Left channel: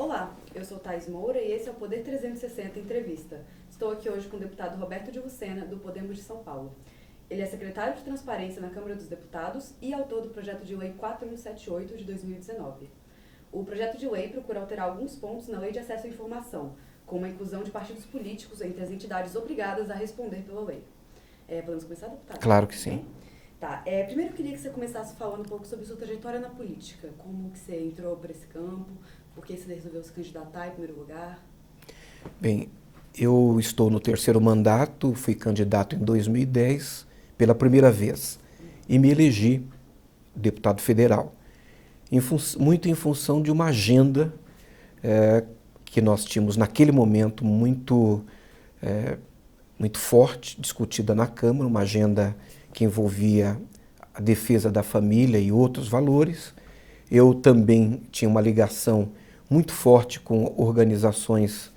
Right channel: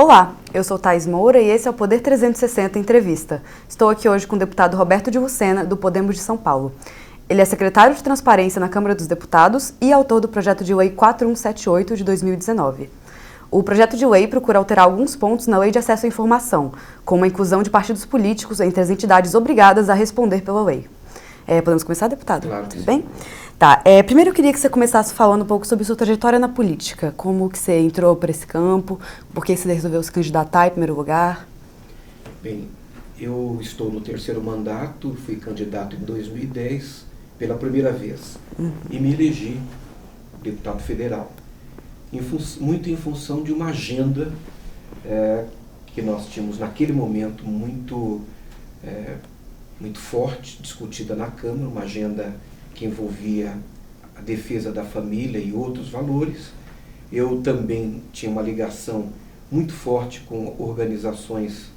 Olá, eu sou Thaís Moura e esse é o Poder 360 Entrevista. Estou aqui hoje com o deputado Roberto de Lucena, do Podemos de São Paulo. Ele é secretário de Transparência na Câmara dos Deputados e autor do projeto de lei 4178 de 2019. O projeto de lei procura alterar alguns pontos na Lei de Acesso à Informação, como a inclusão de partidos políticos entre as entidades obrigadas a responder pela lei. Podemos começar, deputado? Claro que sim. Bem? Tá. Primeiro eu queria que você começasse falando um pouco sobre sua trajetória na política. Como que você entrou para esse campo? Por que você resolveu se candidatar em primeiro lugar? Bem, eu estou no terceiro mandato, fui candidato em 2010 pela primeira vez e me elegi deputado federal, muito em função de uma agenda que nós tínhamos naquele momento muito forte, discutida na Câmara, uma agenda que envolvia a defesa da família e outros valores. Eu também tinha uma ligação muito forte com organizações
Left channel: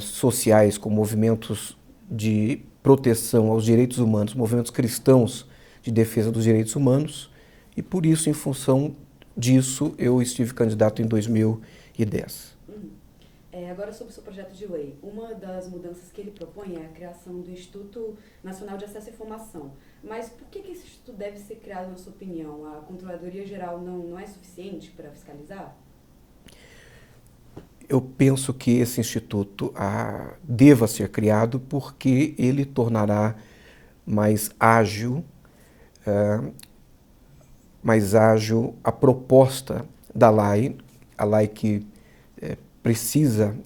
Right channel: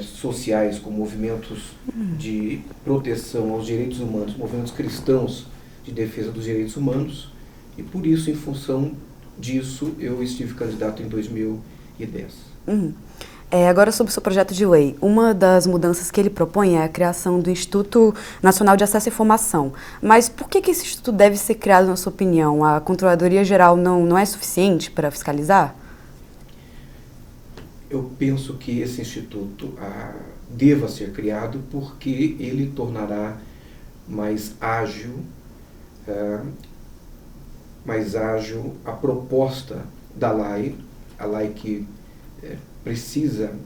sociais, com movimentos de proteção aos direitos humanos, movimentos cristãos de defesa dos direitos humanos, e por isso, em função disso, eu estive candidato em 2010. Agora sobre o seu projeto de lei, uma das mudanças que ele propõe é a criação do Instituto Nacional de Acesso à Informação. Mas por que esse instituto deve ser criado, na sua opinião? A Controladoria Geral não é suficiente para fiscalizar? Eu penso que esse instituto deva ser criado porque ele tornará mais ágil a proposta da LAI, a LAI que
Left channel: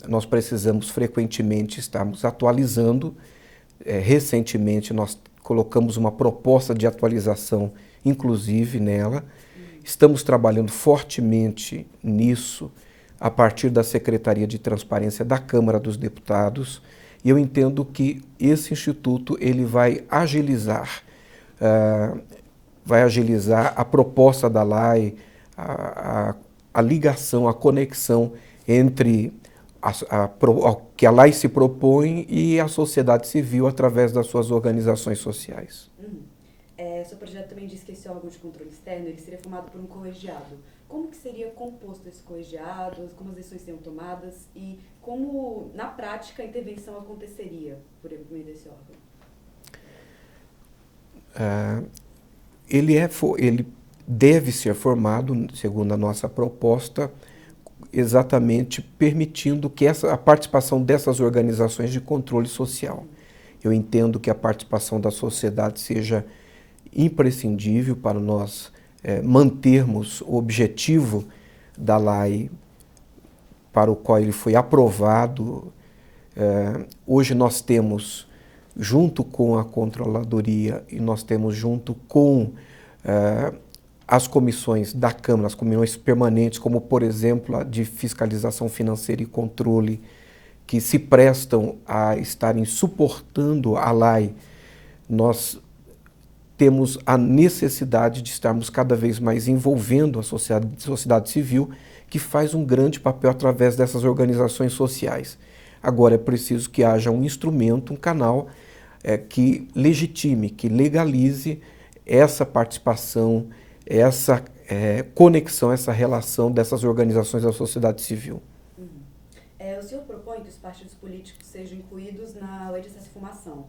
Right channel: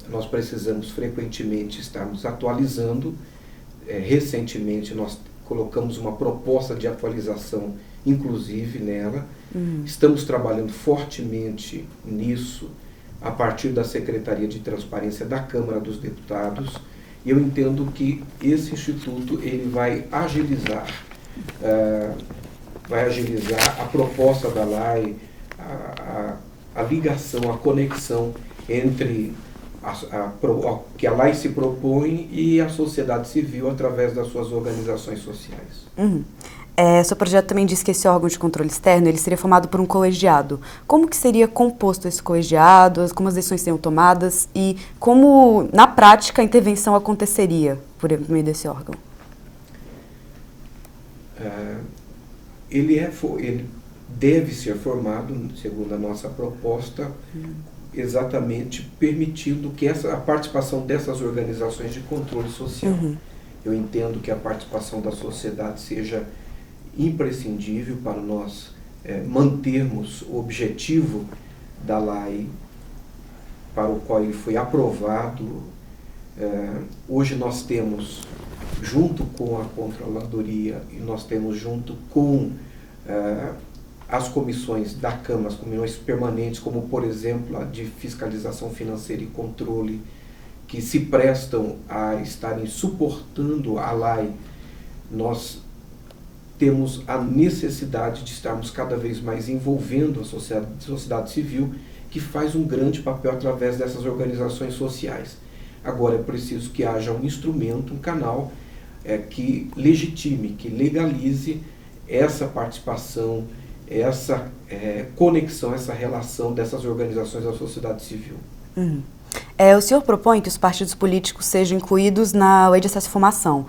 nós precisamos frequentemente estarmos atualizando. Recentemente nós colocamos uma proposta de atualização, inclusive nela. Estamos trabalhando fortemente nisso a partir da Secretaria de Transparência da Câmara dos Deputados, e eu entendo que esse instituto ele vai agilizar a proposta da LAI, a ligação, a conexão entre que a LAI se propõe e a sociedade civil através das suas organizações sociais. Seu projeto também diz que esse órgão de controle externo ele seria formado por um colegiado. Como que seria composto esse colegiado, como as decisões seriam tomadas e como, na prática, a intervenção aconteceria por meio desse órgão? Ele deve ser formado, segundo a nossa proposta, exatamente permitindo que a participação dessas organizações de controle social. Eu entendo que a participação da sociedade seja imprescindível para nós mantermos o objetivo da LAI para o qual ele foi aprovado. Hoje nós temos, junto com a Controladoria, e nós temos junto com as comissões da Câmara, as comissões permanentes, como por exemplo a de fiscalização financeira e controle, que se prestam a estarem suportando a LAI, nós temos a necessidade de estarmos cada vez mais envolvendo a sociedade civil, que faz um grande papel através dessas organizações sociais. Agora é preciso que haja um instrumento, um canal que legitime, que legalize essa participação, essa conexão, essa relação dessas organizações da sociedade civil. O senhor propõe que os partidos políticos sejam incluídos na Lei de Acesso à Informação.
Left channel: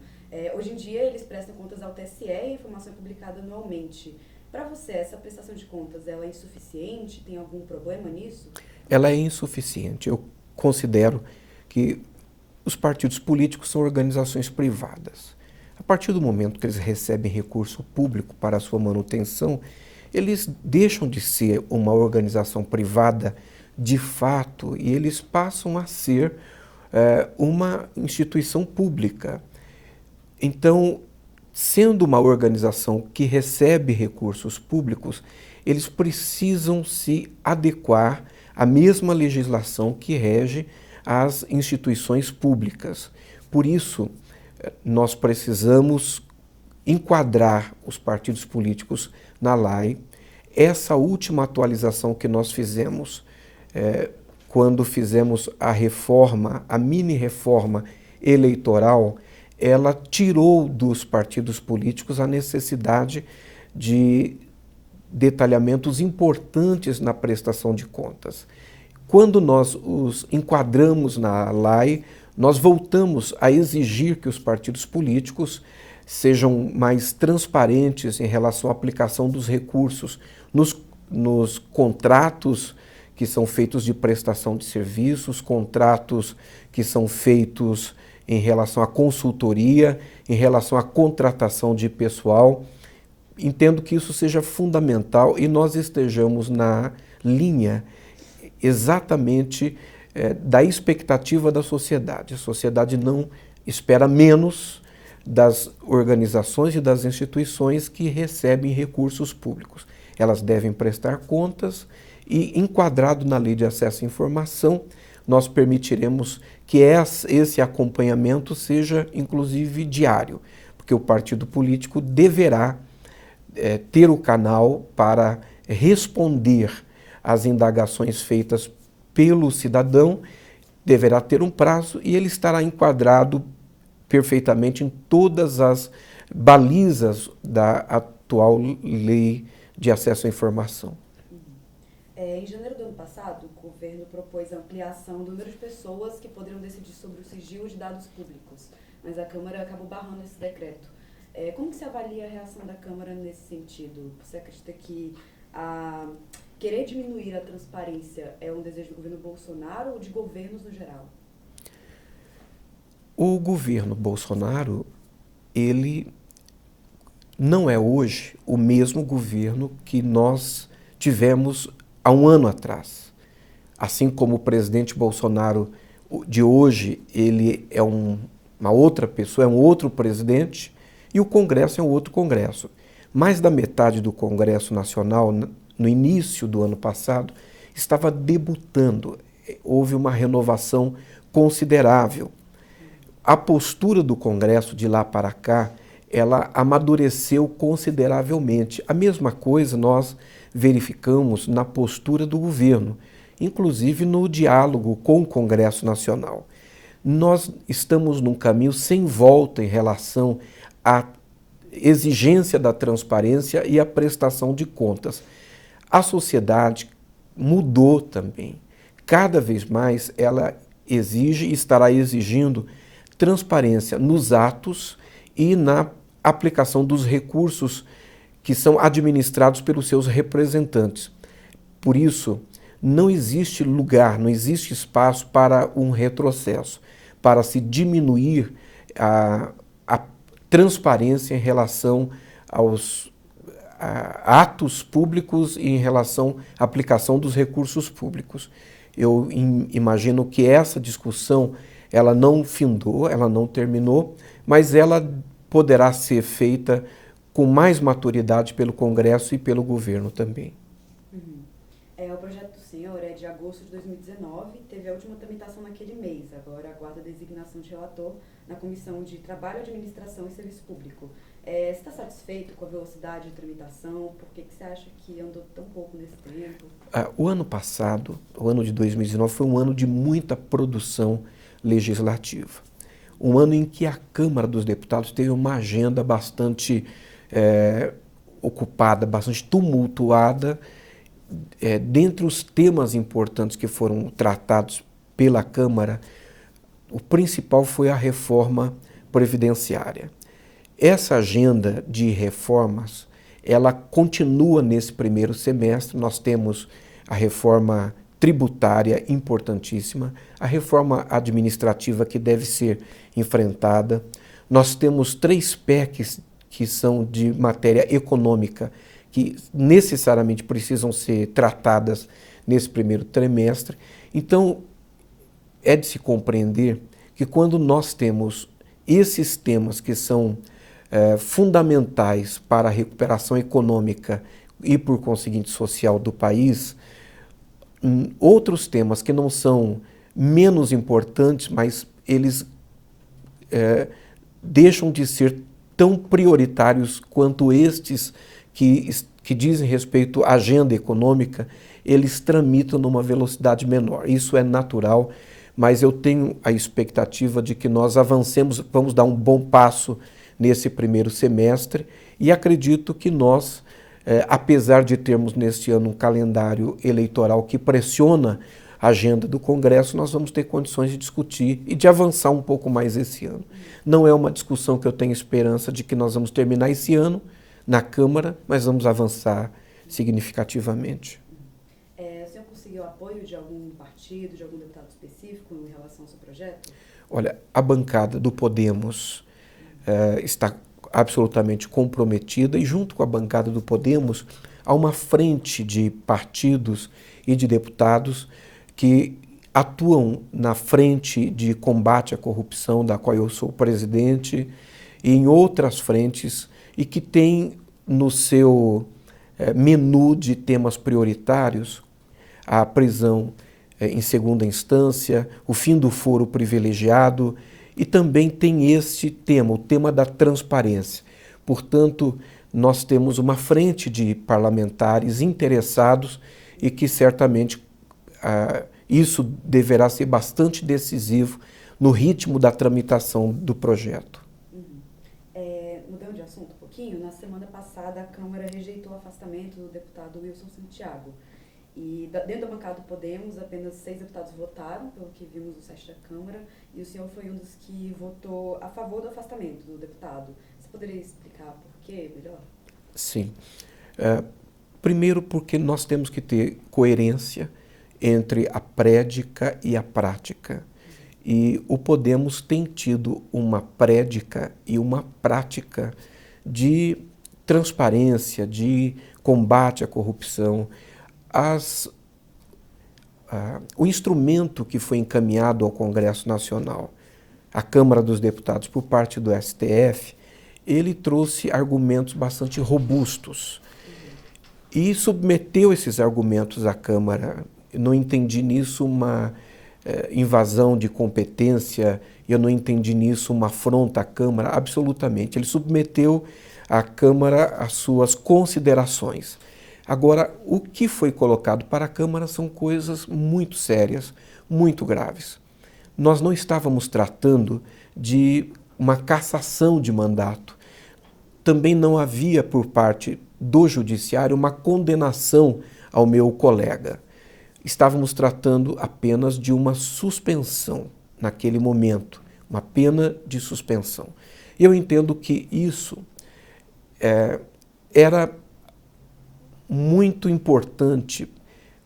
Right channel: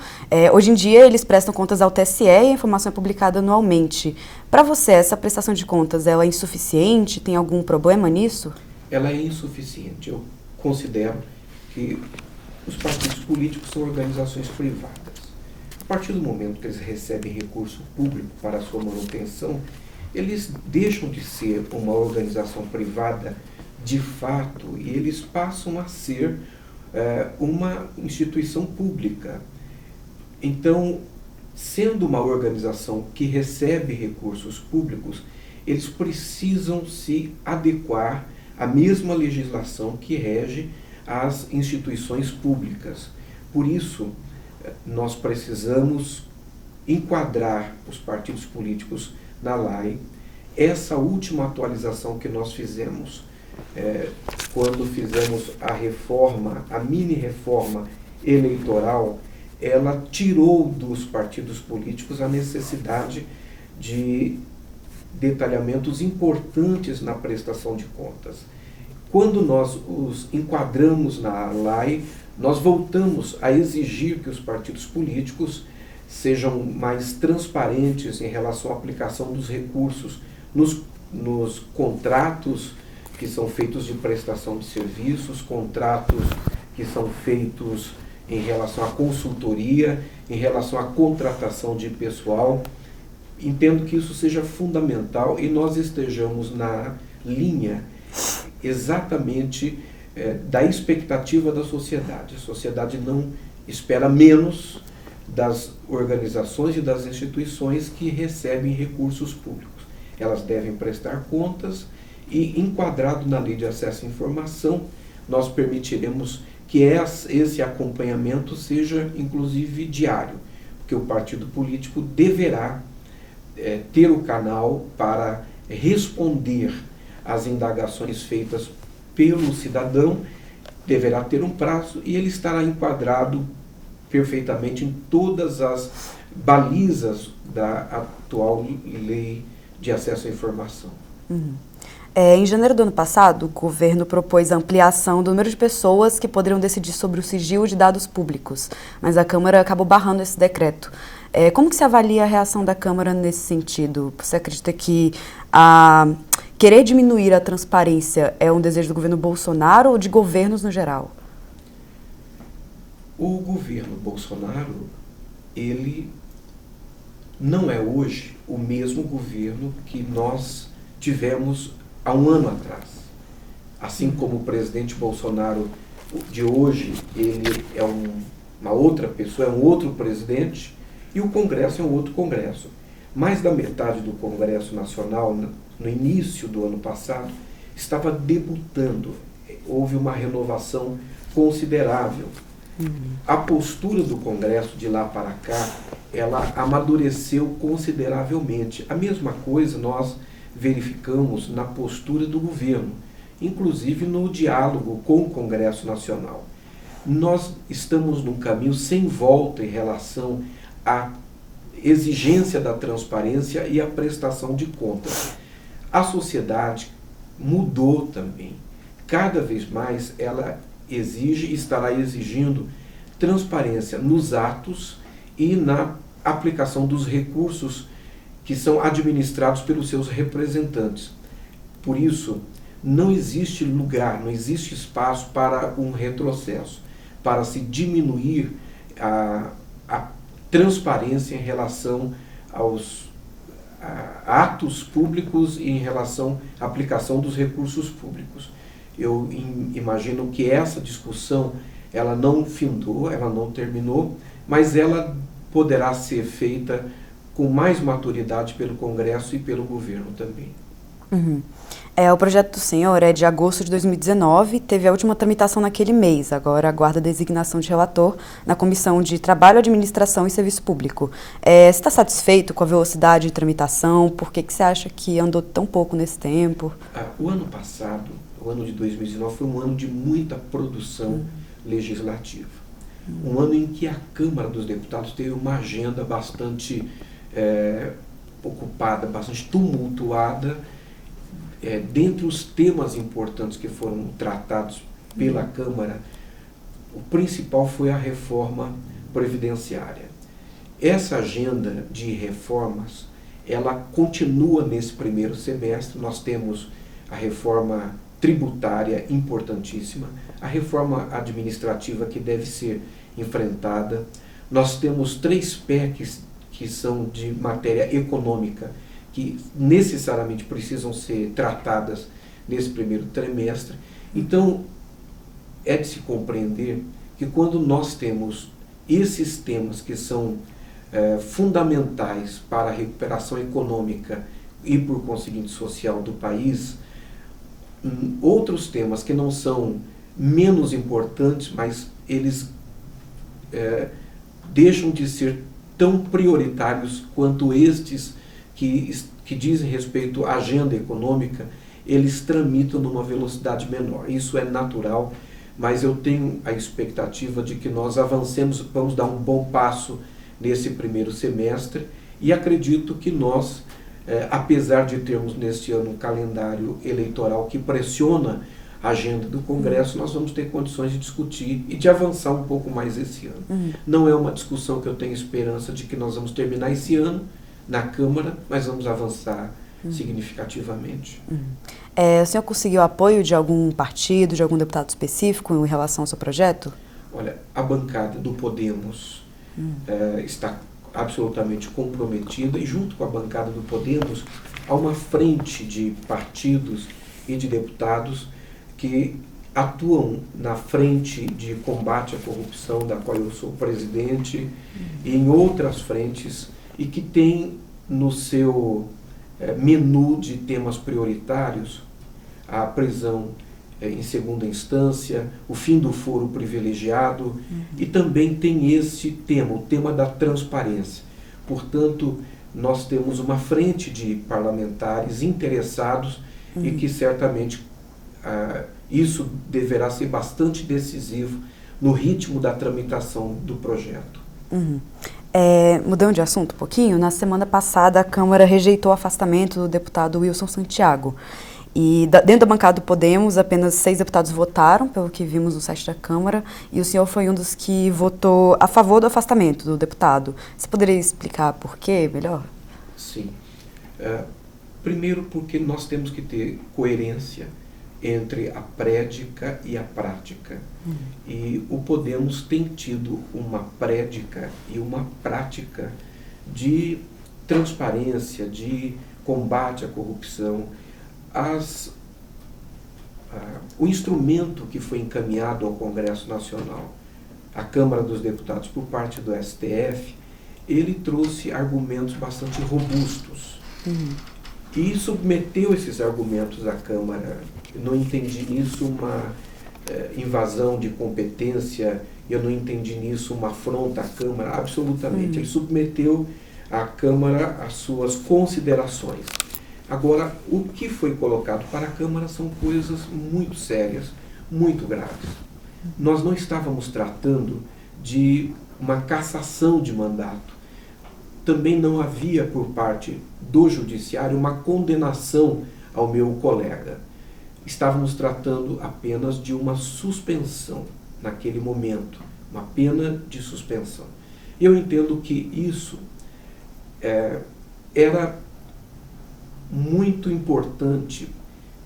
Hoje em dia, eles prestam contas ao TSE e a informação é publicada anualmente. Para você, essa prestação de contas ela é insuficiente? Tem algum problema nisso? Ela é insuficiente. Eu considero que os partidos políticos são organizações privadas. A partir do momento que eles recebem recurso público para a sua manutenção, eles deixam de ser uma organização privada de fato, e eles passam a ser uma instituição pública. Então, sendo uma organização que recebe recursos públicos, eles precisam se adequar à mesma legislação que rege as instituições públicas. Por isso, nós precisamos enquadrar os partidos políticos na LAI. Essa última atualização que nós fizemos quando fizemos a reforma, a mini-reforma eleitoral, ela tirou dos partidos políticos a necessidade de detalhamentos importantes na prestação de contas. Quando nós os enquadramos na lei, nós voltamos a exigir que os partidos políticos sejam mais transparentes em relação à aplicação dos recursos nos contratos que são feitos de prestação de serviços, contratos que são feitos em relação à consultoria, em relação à contratação de pessoal. Entendo que isso seja fundamental e nós estejamos na linha exatamente da expectativa da sociedade. A sociedade não espera menos das organizações e das instituições que recebem recursos públicos. Elas devem prestar contas e, enquadrado na Lei de Acesso à Informação, nós permitiremos que esse acompanhamento seja, inclusive, diário, porque o partido político deverá ter o canal para responder às indagações feitas pelo cidadão, deverá ter um prazo e ele estará enquadrado perfeitamente em todas as balizas da atual Lei de Acesso à Informação. Em janeiro do ano passado, o governo propôs a ampliação do número de pessoas que poderiam decidir sobre o sigilo de dados públicos, mas a Câmara acabou barrando esse decreto. Como que se avalia a reação da Câmara nesse sentido? Você acredita que querer diminuir a transparência é um desejo do governo Bolsonaro ou de governos no geral? O governo Bolsonaro, ele não é hoje o mesmo governo que nós tivemos há um ano atrás. Assim como o presidente Bolsonaro de hoje, ele é uma outra pessoa, é um outro presidente, e o Congresso é um outro Congresso. Mais da metade do Congresso Nacional, no início do ano passado, estava debutando. Houve uma renovação considerável. A postura do Congresso de lá para cá, ela amadureceu consideravelmente. A mesma coisa nós verificamos na postura do governo, inclusive no diálogo com o Congresso Nacional. Nós estamos num caminho sem volta em relação à exigência da transparência e à prestação de contas. A sociedade mudou também. Cada vez mais ela exige e estará exigindo transparência nos atos e na aplicação dos recursos que são administrados pelos seus representantes. Por isso, não existe lugar, não existe espaço para um retrocesso, para se diminuir a transparência em relação aos atos públicos e em relação à aplicação dos recursos públicos. Eu imagino que essa discussão ela não findou, ela não terminou, mas ela poderá ser feita com mais maturidade pelo Congresso e pelo governo também. O projeto do senhor é de agosto de 2019, teve a última tramitação naquele mês, agora aguarda a designação de relator na Comissão de Trabalho, Administração e Serviço Público. Você está satisfeito com a velocidade de tramitação? Por que você acha que andou tão pouco nesse tempo? O ano passado, o ano de 2019, foi um ano de muita produção legislativa. Um ano em que a Câmara dos Deputados teve uma agenda bastante ocupada, bastante tumultuada. Dentre os temas importantes que foram tratados pela Câmara, o principal foi a reforma previdenciária. Essa agenda de reformas, ela continua nesse primeiro semestre. Nós temos a reforma tributária importantíssima, a reforma administrativa que deve ser enfrentada. Nós temos 3 PECs que são de matéria econômica, que necessariamente precisam ser tratadas nesse primeiro trimestre. Então, é de se compreender que quando nós temos esses temas que são fundamentais para a recuperação econômica e, por conseguinte, social do país, outros temas que não são menos importantes, mas eles deixam de ser tão prioritários quanto estes que dizem respeito à agenda econômica, eles tramitam numa velocidade menor. Isso é natural, mas eu tenho a expectativa de que nós avancemos, vamos dar um bom passo nesse primeiro semestre e acredito que nós, apesar de termos neste ano um calendário eleitoral que pressiona agenda do Congresso, nós vamos ter condições de discutir e de avançar um pouco mais esse ano. Não é uma discussão que eu tenho esperança de que nós vamos terminar esse ano na Câmara, mas vamos avançar significativamente. O senhor conseguiu apoio de algum partido, de algum deputado específico em relação ao seu projeto? Olha, a bancada do Podemos está absolutamente comprometida, e junto com a bancada do Podemos há uma frente de partidos e de deputados que atuam na frente de combate à corrupção, da qual eu sou presidente, e em outras frentes, e que tem no seu menu de temas prioritários a prisão em segunda instância, o fim do foro privilegiado, e também tem esse tema, o tema da transparência. Portanto, nós temos uma frente de parlamentares interessados e que certamente isso deverá ser bastante decisivo no ritmo da tramitação do projeto. Mudando de assunto um pouquinho, na semana passada a Câmara rejeitou o afastamento do deputado Wilson Santiago. E dentro da bancada do Podemos, apenas 6 deputados votaram, pelo que vimos no site da Câmara, e o senhor foi um dos que votou a favor do afastamento do deputado. Você poderia explicar por quê, melhor? Sim. Primeiro porque nós temos que ter coerência entre a prédica e a prática. E o Podemos tem tido uma prédica e uma prática de transparência, de combate à corrupção. O instrumento que foi encaminhado ao Congresso Nacional, à Câmara dos Deputados, por parte do STF, ele trouxe argumentos bastante robustos. E submeteu esses argumentos à Câmara. Eu não entendi nisso uma invasão de competência, eu não entendi nisso uma afronta à Câmara, absolutamente. Ele submeteu à Câmara as suas considerações. Agora, o que foi colocado para a Câmara são coisas muito sérias, muito graves. Nós não estávamos tratando de uma cassação de mandato. Também não havia, por parte do Judiciário, uma condenação ao meu colega. Estávamos tratando apenas de uma suspensão naquele momento, uma pena de suspensão. Eu entendo que isso era muito importante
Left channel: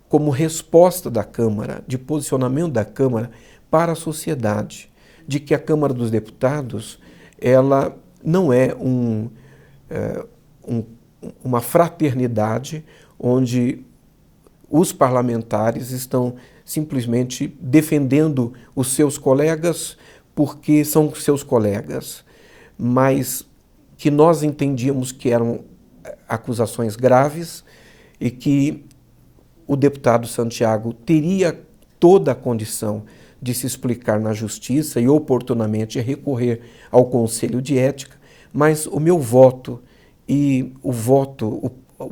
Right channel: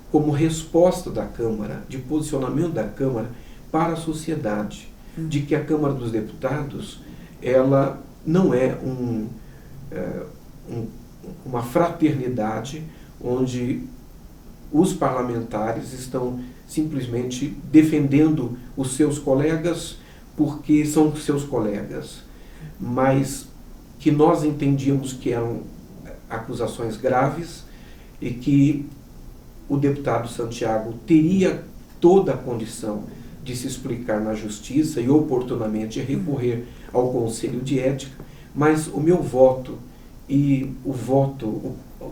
como resposta da Câmara, de posicionamento da Câmara para a sociedade, de que a Câmara dos Deputados ela não é uma fraternidade onde os parlamentares estão simplesmente defendendo os seus colegas porque são seus colegas, mas que nós entendíamos que eram acusações graves e que o deputado Santiago teria toda a condição de se explicar na justiça e oportunamente recorrer ao Conselho de Ética, mas o meu voto e o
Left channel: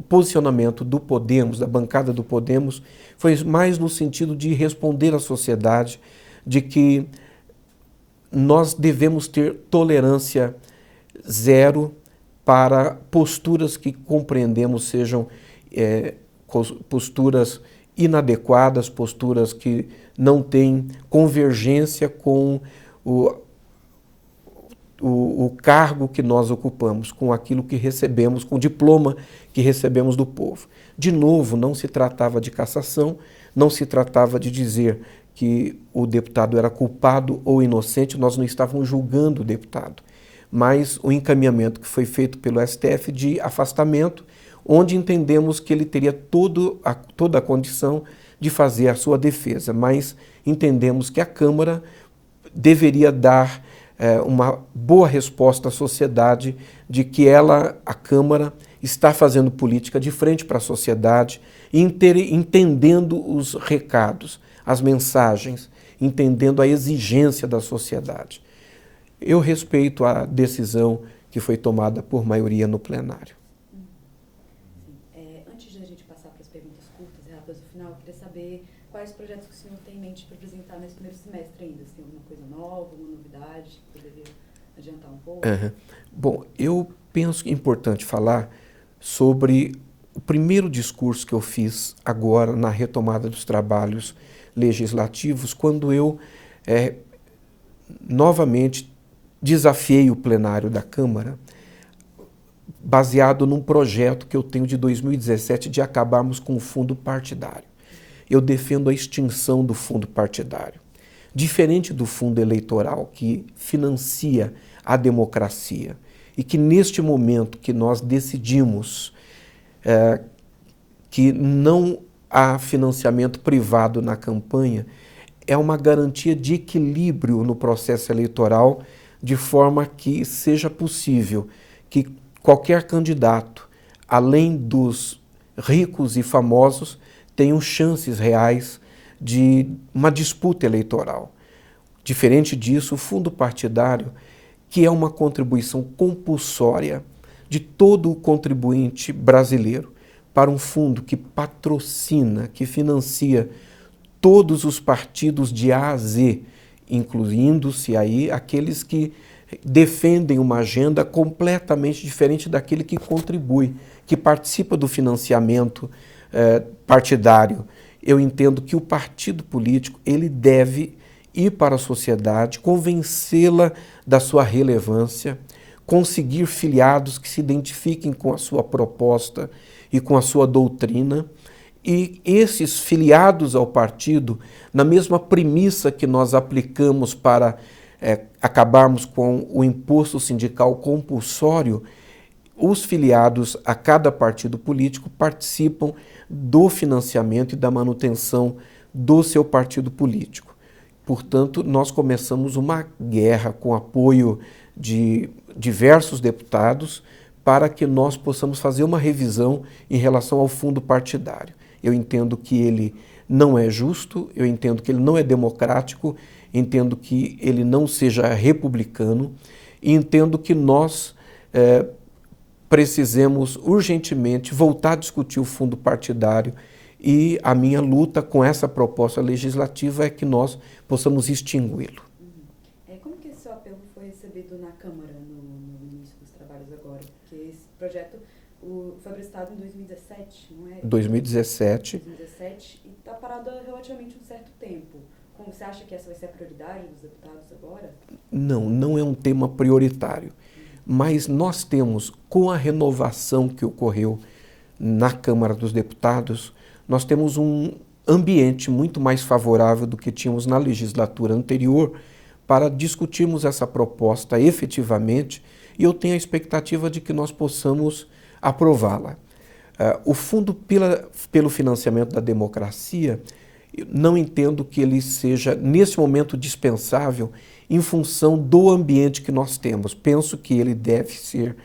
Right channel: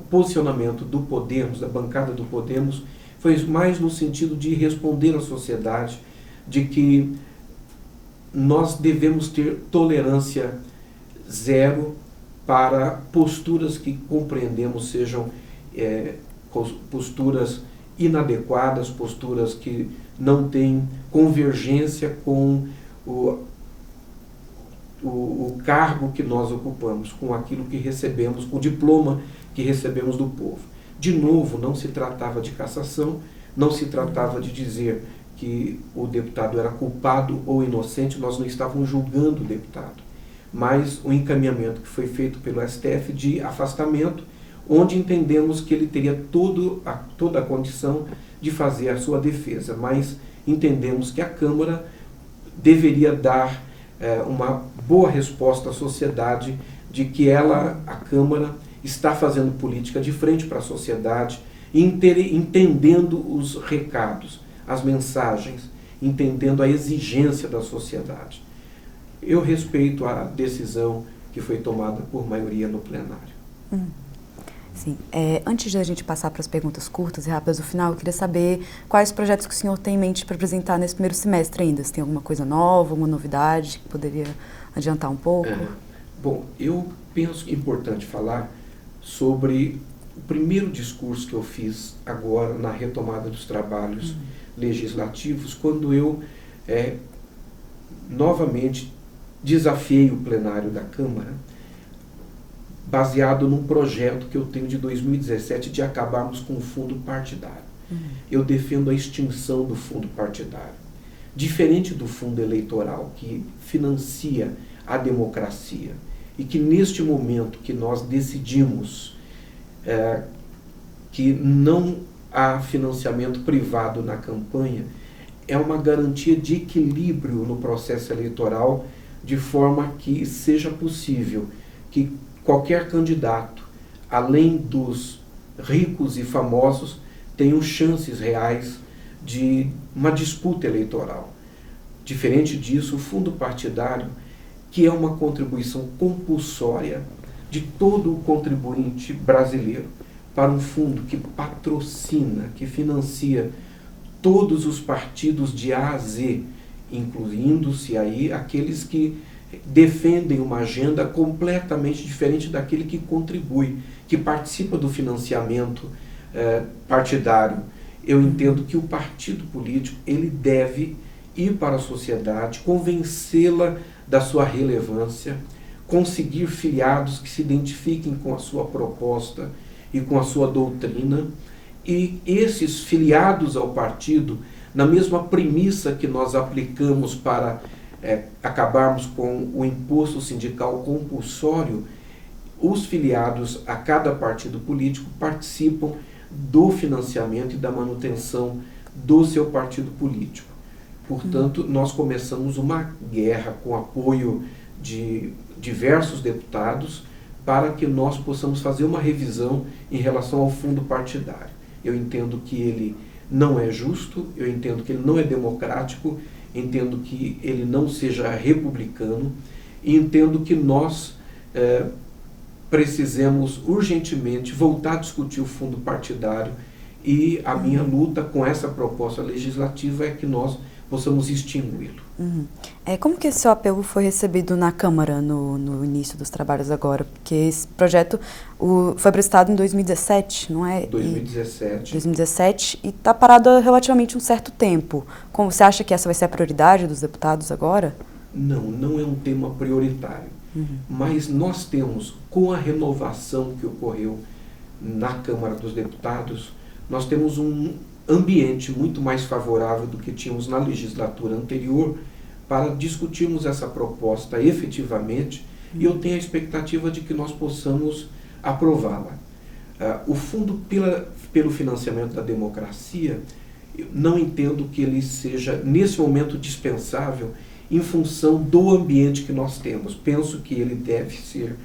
posicionamento do Podemos, da bancada do Podemos, foi mais no sentido de responder à sociedade de que nós devemos ter tolerância zero para posturas que compreendemos sejam posturas inadequadas, posturas que não têm convergência com o cargo que nós ocupamos, com aquilo que recebemos, com o diploma que recebemos do povo. De novo, não se tratava de cassação, não se tratava de dizer que o deputado era culpado ou inocente, nós não estávamos julgando o deputado, mas o encaminhamento que foi feito pelo STF de afastamento, onde entendemos que ele teria toda a condição de fazer a sua defesa, mas entendemos que a Câmara deveria dar uma boa resposta à sociedade de que a Câmara, está fazendo política de frente para a sociedade, entendendo os recados, as mensagens, entendendo a exigência da sociedade. Eu respeito a decisão que foi tomada por maioria no plenário. Sim. Antes de a gente passar para as perguntas curtas e rápidas do final, eu queria saber quais projetos que o senhor tem em mente para apresentar nesse primeiro semestre ainda. Se tem alguma coisa nova, alguma novidade que poderia adiantar um pouco? Bom, eu penso que é importante falar sobre o primeiro discurso que eu fiz agora na retomada dos trabalhos legislativos, quando eu novamente desafiei o plenário da Câmara, baseado num projeto que eu tenho de 2017 de acabarmos com o fundo partidário. Eu defendo a extinção do fundo partidário. Diferente do fundo eleitoral, que financia a democracia, e que neste momento que nós decidimos que não há financiamento privado na campanha, é uma garantia de equilíbrio no processo eleitoral, de forma que seja possível que qualquer candidato, além dos ricos e famosos, tenham chances reais de uma disputa eleitoral. Diferente disso, o fundo partidário, que é uma contribuição compulsória de todo o contribuinte brasileiro para um fundo que patrocina, que financia todos os partidos de A a Z, incluindo-se aí aqueles que defendem uma agenda completamente diferente daquele que contribui, que participa do financiamento partidário. Eu entendo que o partido político ele deve ir para a sociedade, convencê-la da sua relevância, conseguir filiados que se identifiquem com a sua proposta e com a sua doutrina, e esses filiados ao partido, na mesma premissa que nós aplicamos para acabarmos com o imposto sindical compulsório, os filiados a cada partido político participam do financiamento e da manutenção do seu partido político. Portanto, nós começamos uma guerra com apoio de diversos deputados para que nós possamos fazer uma revisão em relação ao fundo partidário. Eu entendo que ele não é justo, eu entendo que ele não é democrático, entendo que ele não seja republicano e entendo que nós precisemos urgentemente voltar a discutir o fundo partidário, e a minha luta com essa proposta legislativa é que nós possamos extingui-lo. Como que esse seu apelo foi recebido na Câmara no início dos trabalhos agora? Porque esse projeto foi apresentado em 2017, não é? 2017. 2017 e está parado há relativamente um certo tempo. Como você acha que essa vai ser a prioridade dos deputados agora? Não é um tema prioritário. Mas nós temos, com a renovação que ocorreu na Câmara dos Deputados, nós temos um ambiente muito mais favorável do que tínhamos na legislatura anterior para discutirmos essa proposta efetivamente, e eu tenho a expectativa de que nós possamos aprová-la. O fundo pelo financiamento da democracia, não entendo que ele seja, nesse momento, dispensável em função do ambiente que nós temos. Penso que ele deve ser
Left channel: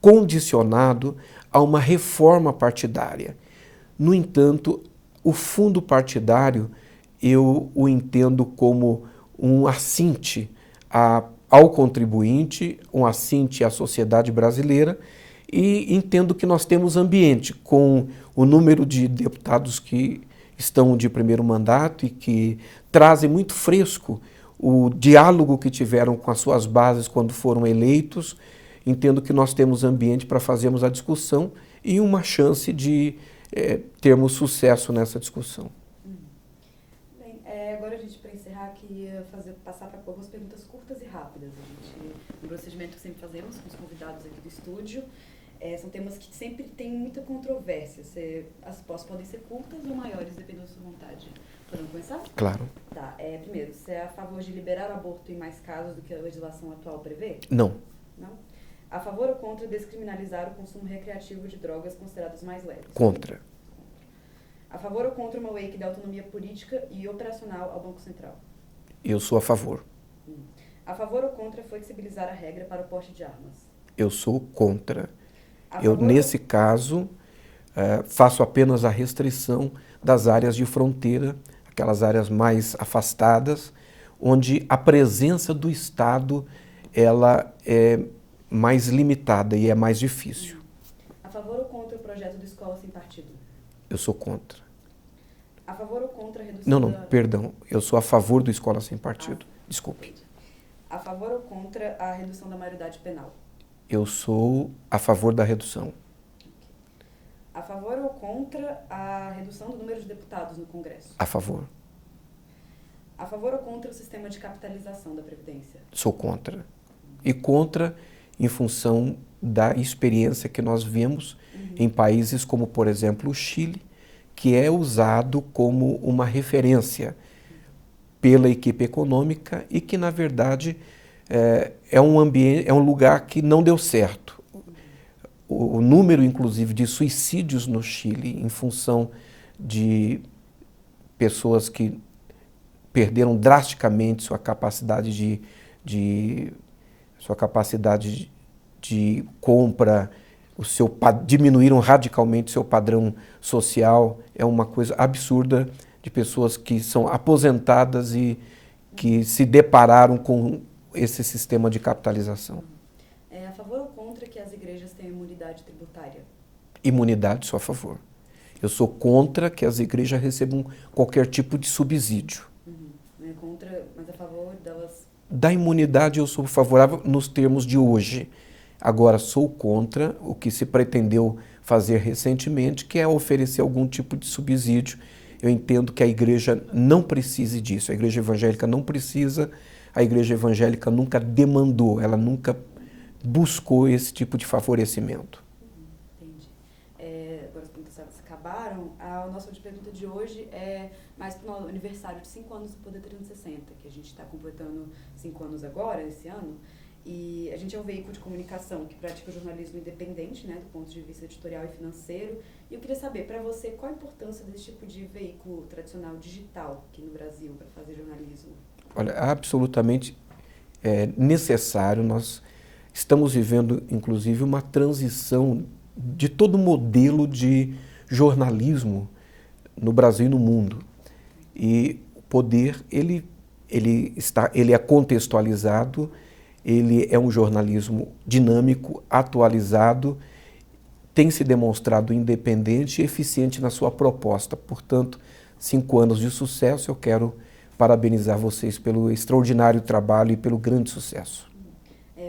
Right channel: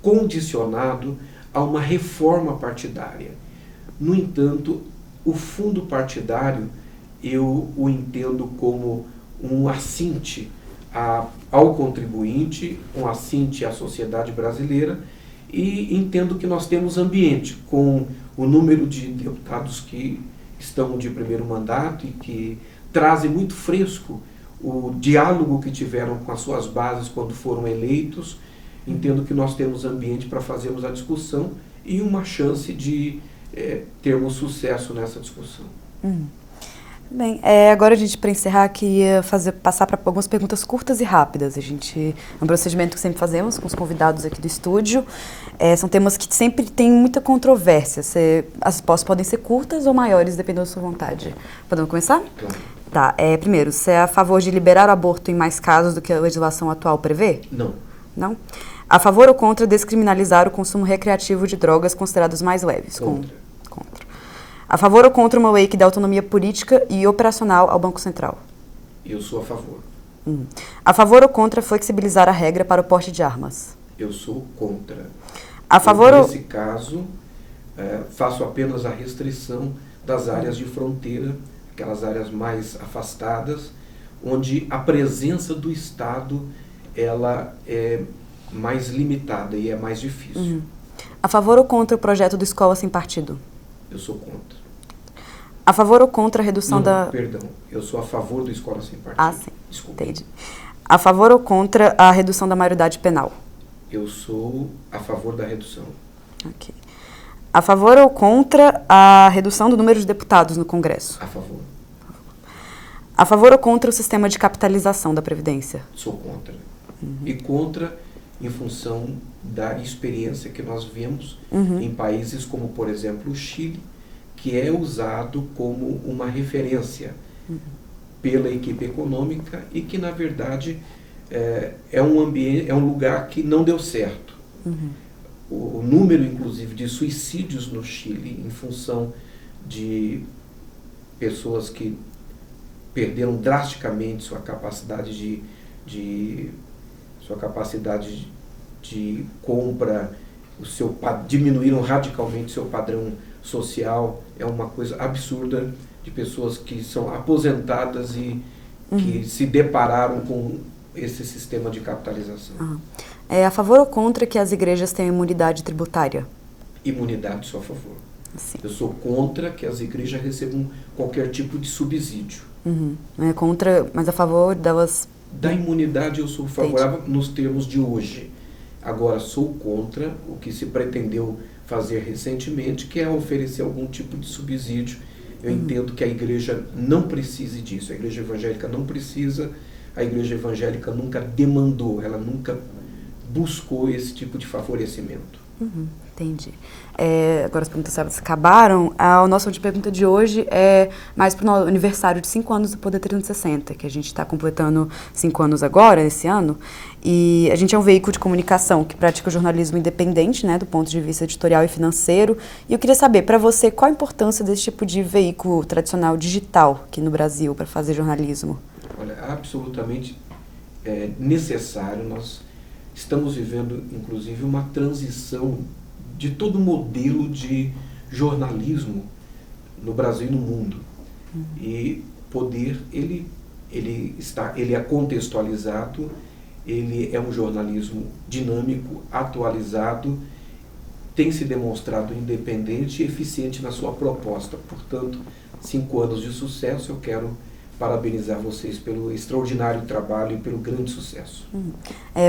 condicionado a uma reforma partidária. No entanto, o fundo partidário eu o entendo como um assinte ao contribuinte, um assinte à sociedade brasileira, e entendo que nós temos ambiente com o número de deputados que estão de primeiro mandato e que trazem muito fresco o diálogo que tiveram com as suas bases quando foram eleitos. Entendo que nós temos ambiente para fazermos a discussão e uma chance de termos sucesso nessa discussão. Bem, agora a gente, para encerrar aqui, ia passar para algumas perguntas curtas e rápidas. É um procedimento que sempre fazemos com os convidados aqui do estúdio. São temas que sempre tem muita controvérsia. As respostas podem ser curtas ou maiores, dependendo da sua vontade. Podemos começar? Claro. Tá. Primeiro, você é a favor de liberar o aborto em mais casos do que a legislação atual prevê? Não. Não? A favor ou contra descriminalizar o consumo recreativo de drogas consideradas mais leves? Contra. Contra. A favor ou contra uma lei que dê autonomia política e operacional ao Banco Central? Eu sou a favor. A favor ou contra flexibilizar a regra para o porte de armas? Eu sou contra. Nesse caso, faço apenas a restrição das áreas de fronteira, aquelas áreas mais afastadas, onde a presença do Estado ela é mais limitada e é mais difícil. A favor ou contra o projeto do Escola Sem Partido? Eu sou contra. A favor ou contra a redução Perdão, eu sou a favor do Escola Sem Partido. Ah, sim. Desculpe. Entendi. A favor ou contra a redução da maioridade penal? Eu sou a favor da redução. Ok. A favor ou contra a redução do número de deputados no Congresso? A favor. A favor ou contra o sistema de capitalização da Previdência? Sou contra. E contra em função da experiência que nós vemos em países como, por exemplo, o Chile, que é usado como uma referência pela equipe econômica e que, na verdade, é um ambiente, é um lugar que não deu certo. O número, inclusive, de suicídios no Chile, em função de pessoas que perderam drasticamente sua capacidade de compra, diminuíram radicalmente seu padrão social, é uma coisa absurda, de pessoas que são aposentadas e que se depararam com esse sistema de capitalização. É a favor ou contra que as igrejas tenham imunidade tributária? Imunidade, sou a favor. Sim. Eu sou contra que as igrejas recebam qualquer tipo de subsídio. É contra, mas a favor delas... Da imunidade eu sou favorável nos termos de hoje. Agora, sou contra o que se pretendeu fazer recentemente, que é oferecer algum tipo de subsídio. Eu entendo que a igreja não precise disso. A igreja evangélica não precisa, a igreja evangélica nunca demandou, ela nunca buscou esse tipo de favorecimento. Entendi. Agora as perguntas acabaram. A nossa última pergunta de hoje é mais para o aniversário de 5 anos do Poder 360, que a gente está completando 5 anos agora, esse ano. E a gente é um veículo de comunicação que pratica o jornalismo independente, né, do ponto de vista editorial e financeiro. E eu queria saber, para você, qual a importância desse tipo de veículo tradicional digital aqui no Brasil para fazer jornalismo? Olha, absolutamente necessário. Nós estamos vivendo, inclusive, uma transição de todo o modelo de jornalismo no Brasil e no mundo. E o Poder, ele é contextualizado, ele é um jornalismo dinâmico, atualizado, tem se demonstrado independente e eficiente na sua proposta. Portanto, 5 anos de sucesso, eu quero parabenizar vocês pelo extraordinário trabalho e pelo grande sucesso.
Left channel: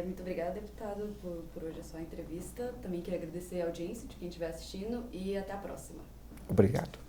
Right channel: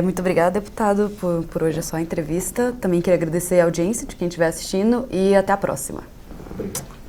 Muito obrigada, deputado, por hoje a sua entrevista. Também queria agradecer a audiência de quem estiver assistindo e até a próxima. Obrigado.